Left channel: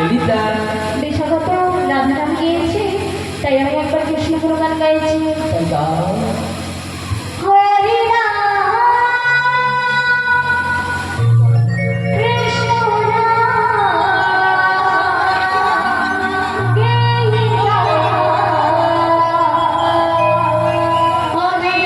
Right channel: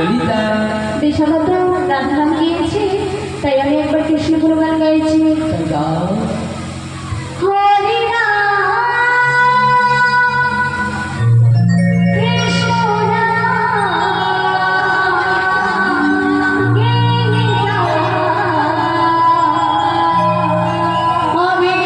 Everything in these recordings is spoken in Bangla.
ললিতা দেশাগত রাধা নাম গিয়েছে, তাই আমি একবার কৃষ্ণ গুণগান গাইছি। তাই গাও। হরে রাম কৃষ্ণ রাম গে রাম হরে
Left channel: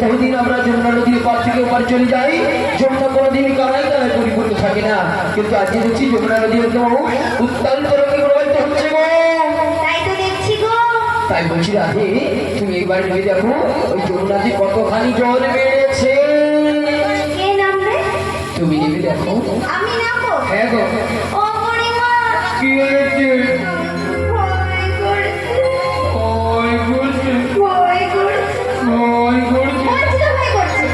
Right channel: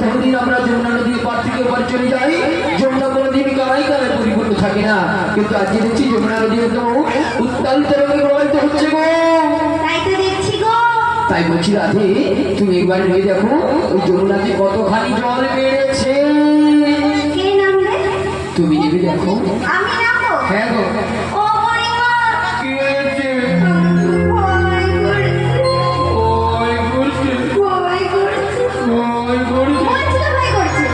প্রতিদিন আমরা যমুনা নদীর পার থেকে পার চলে যাই, যমুনা কোনোদিন কানাই কানায় পরিপূর্ণ থাকে না, কিন্তু আজকে দেখছি যমুনা নদী উত্তাল তরঙ্গে প্রবাহিত হচ্ছে গো। তাই তো দেখছি গো। তাই বলছি রাধে, তুমি একবার নিয়ে দেখো ওই যমুনাতে কতখানি জল বেড়েছে। কে নামবে? তুমি নেবে দেখো। আমি নামবো? হ্যাঁ গো। ও বুড়িমা, কি হয়েছে? ভয় করছে। ভয় করছে? ভয় করছে। ভয় করছে? বলছি তো ভয় করছে।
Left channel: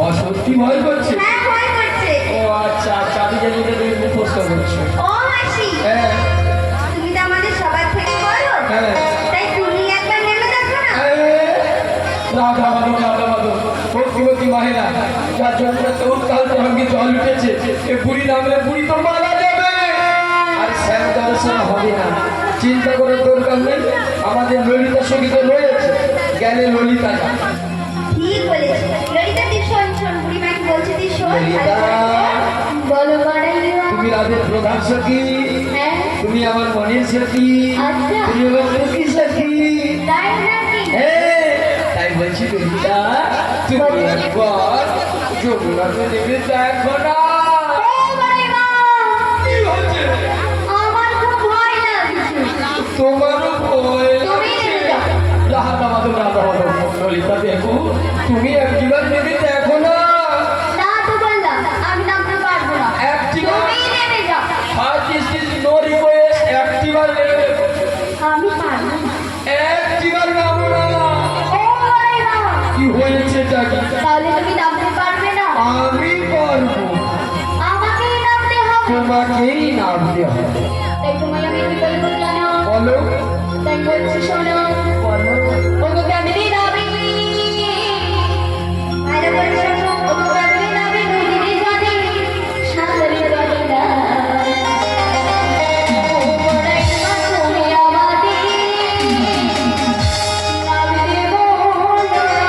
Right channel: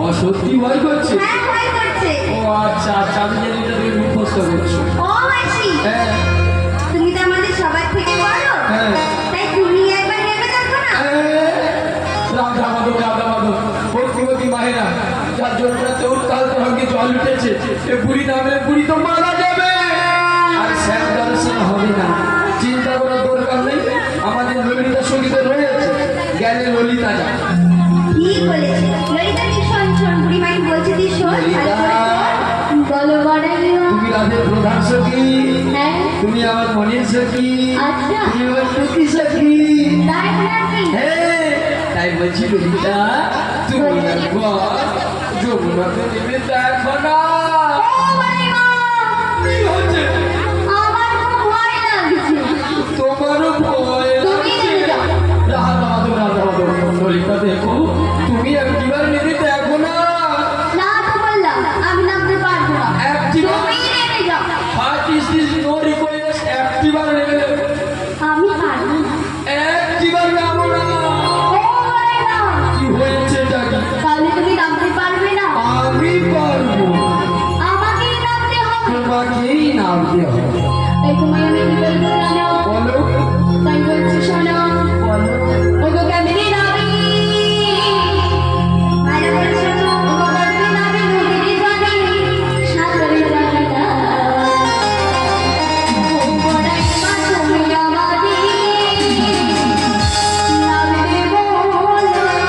ও সত্যি ভয় করছে? হ্যাঁ ভয় করছে। ও আচ্ছা আচ্ছা, আমি জানি এটা তুমি মুখস্থ করছো। ও মাসি, হ্যাঁ তুমি তো আমাদের সবার থেকে বড়, হ্যাঁ। তাই তুমি একবার নেমে দেখো না। রাধা মাধব রাধা মাধব, ভক্তিবতী মায়েরা, যার জন্যতে উত্তাল তরঙ্গে জল উঠেছে, এ বুড়ি নামে বুড়ি তো মারা যাবে, আর শ্যাম দর্শন হবে না। চিন্তা করার দরকার নেই, আমাদের ললিতা সঙ্গীত রয়েছে, জ্ঞানে ললিতা যা। ঠিক বলেছে ললিতা। তুই শোন শোন, বুড়িমা কি বলছে তুই শোন। ললিতা, বলো বড়াইও। তুমি রাধের প্রধান সখী, হ্যাঁ তুমি আমার মনের সখী, আচ্ছা তুমি আমার সখী সখী। তাই না? বেটা তুমি একবার যমুনাকে নেমে দেখো না। ও ভাই মা, কি হচ্ছে? আমার খুব ভয় লাগছে। তোমারও ভয় তুমি লাগছে? নেমে যাও। রাধা মাধব রাধা মাধব ললিতা দেখো তুমি একবার নেমে দেখো না। না তো বললাম আমি নামতে পারবো না। একটিবার তুমি নেমে যাও। This is no request. একটিবার নেমে দেখো। আমি পারবো না। একটিবার নামো না। ও ভাই মা, কি হয়েছে জানি? তাহলে তুমি নামতে পারবে না। আমি পারবো। আমাকেই নামতে হবে। তোমাকেই নামতে হবে। তাই তুমি আমি কি বলবো জানো? বলো তাই বলছি শোনো। বলো। ওগো কেমনি নামি? আরে বলছি শোনো। ওগো কেমনি নামি? নদীর জলে সাঁতারে যাবে না। ও বড়াই মা তুমি আমাকে নামতে বলো না।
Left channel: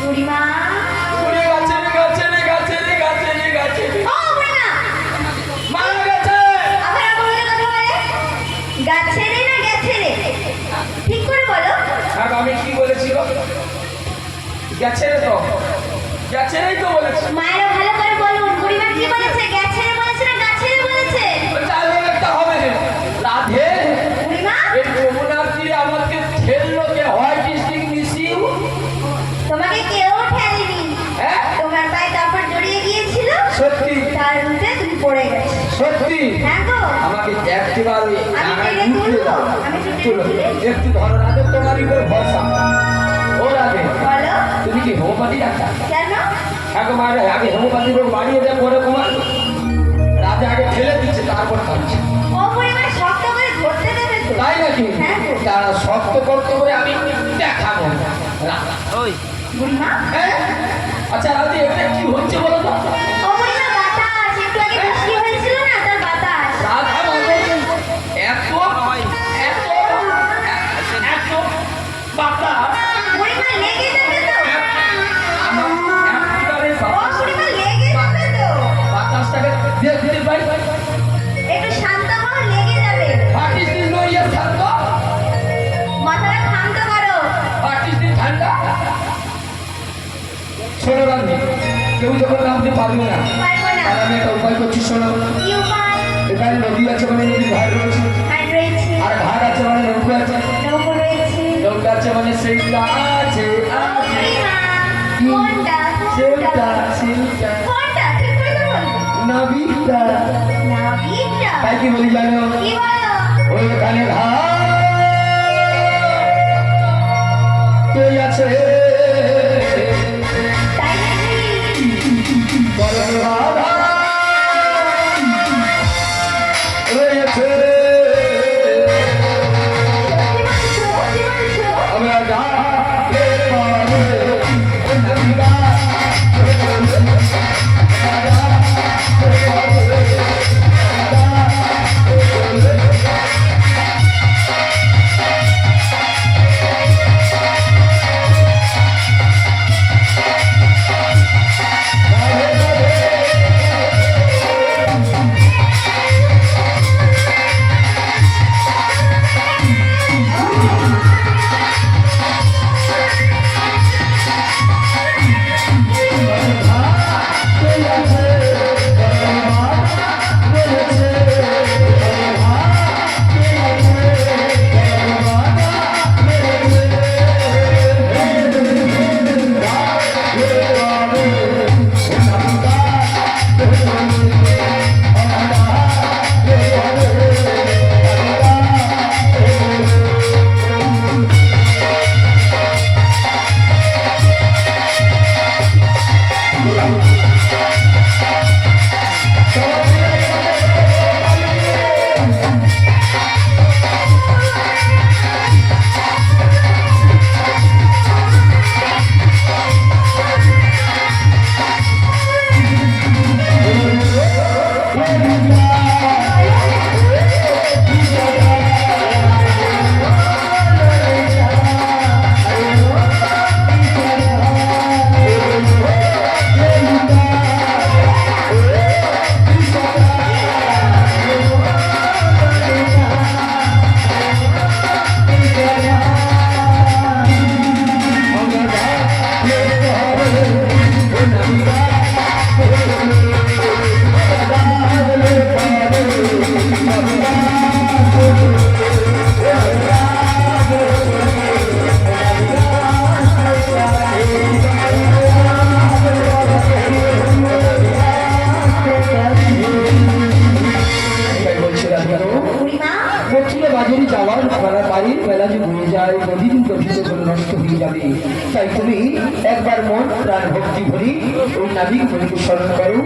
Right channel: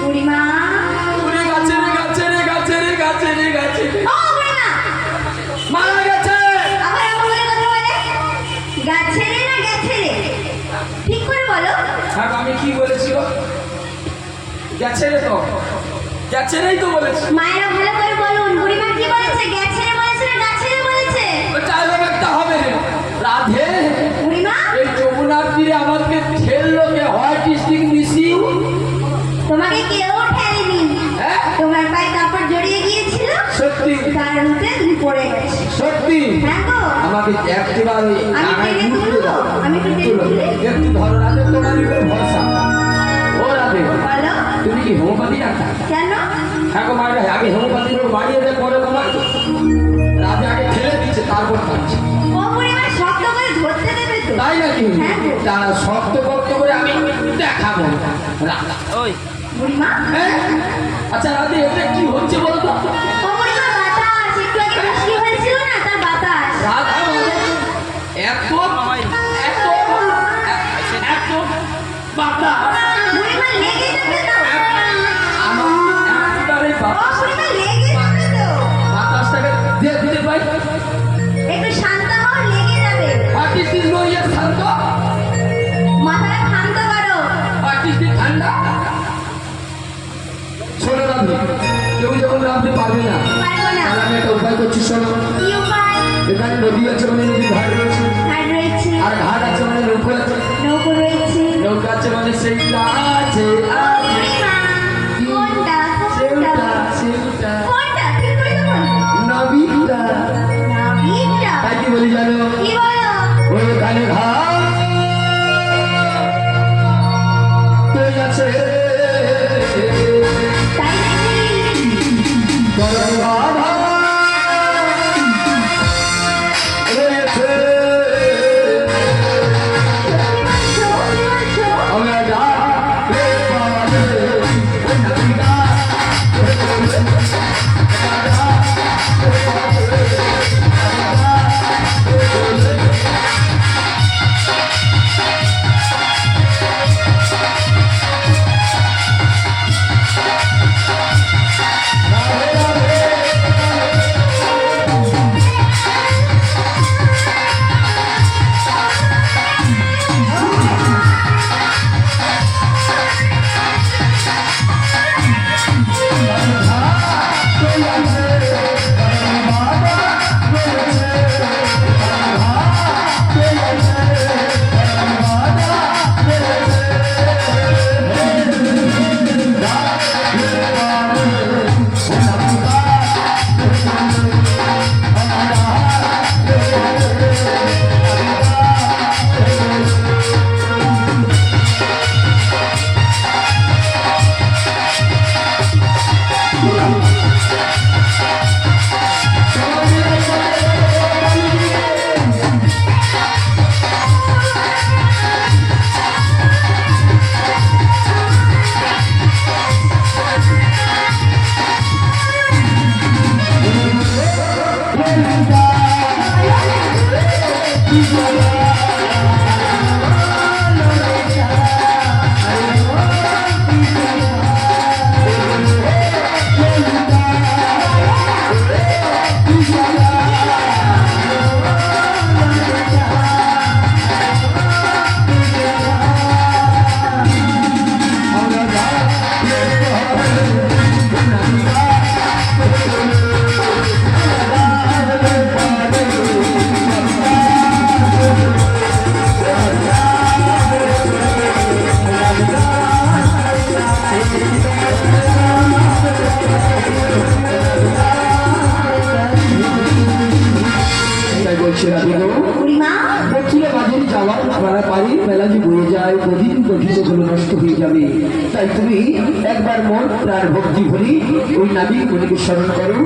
বুড়িমা, ও বুড়িমা, মারা গেছে। আবার এমন করে কথা বলে? গাছে রে না গেছে রে? ঠিক করে বলো। আমি কি বলেছি গো? গেছে রে তো, গেছে রেই তো বলেছি। মায়েরা ভালো করে বলুন, বুড়িমা কি বলেছে? গেছে রে বলেছে না গাছে রে বলেছে? চাল একটা হবে রাধে। বুড়িমা, এই যমুনার তীরে আমাকে ঠেললো কে? What is this missing? তোমাকে কেউ ঠেলেনি। হ্যাঁ তোমার পায়ে কাপড় জড়িয়ে গিয়েছিল, সত্যি তার মধ্যে তুমি পড়ে গেছে। সত্যি হ্যাঁ গো, আমাকে একটিবার ওই আমি আগায় টেনে ঢুকতে তুলবো? দাও। আমি তো টেনে চলো, তুলে? একটু ধরো না তো, তোমারই উপর ভরসা। ও রাধে বলো তুমি কি হোমিওপ্যাথি ডাক্তার? কেন? হ্যাঁ গো মারে, আগে হোমিওপ্যাথি রোগ বাড়িয়ে দেয় পরে তোমার রাধে আগে ঠেলে দিচ্ছে তারপর কাটছে। ও বুড়িমা শক্ত করে ধরতে দেবে তো? তাই নাকি? হ্যাঁ গো। তারা শক্ত করতে করে আমি দেখাবো। ওই বুড়িমা, আচ্ছা রাধে এটা কি হচ্ছে বলো তো? ও বুড়িমা বাতাস, একটু আগে বৃষ্টি হয়েছিল না, তার বাতাস। রাধা মাধব এত এত এত বাতাস বুড়িমা লেগে যাবে তো? আমার একেবারে ও বুড়িমা লেগে যাবে তো? বাতাসটাকে দিয়ে দিতে পাই। একটু শান্ত হও, লেগে যাবে। পাটিস দিন লইয়া শান্ত, মাথাটা শান্ত করো। পাটিস দিন ঠান্ডা। ছোট রাধে কেউ যখন নামতে পারবে না, পারবো না। আর আমি একটা উপায় করছি শোনো। কি উপায়? এখানে নদী আছে মানে নদী ঘাট রয়েছে, হাট রয়েছে, আর ঘাট আছে মানে নৌকো আছে, নৌকো রয়েছে, নৌকা আছে মানে সেইটা রয়েছে আমি বুড়িমা বাজারে যাওয়ার তাড়াতাড়ি বেলা যে বয়ে যায় প্রতিদিন প্রতিদিন করে নষ্ট হয়ে যাবে তাই তুমি একবার মন প্রাণ ভক্তি ভরি ওই নাবিক স্মরণ করো।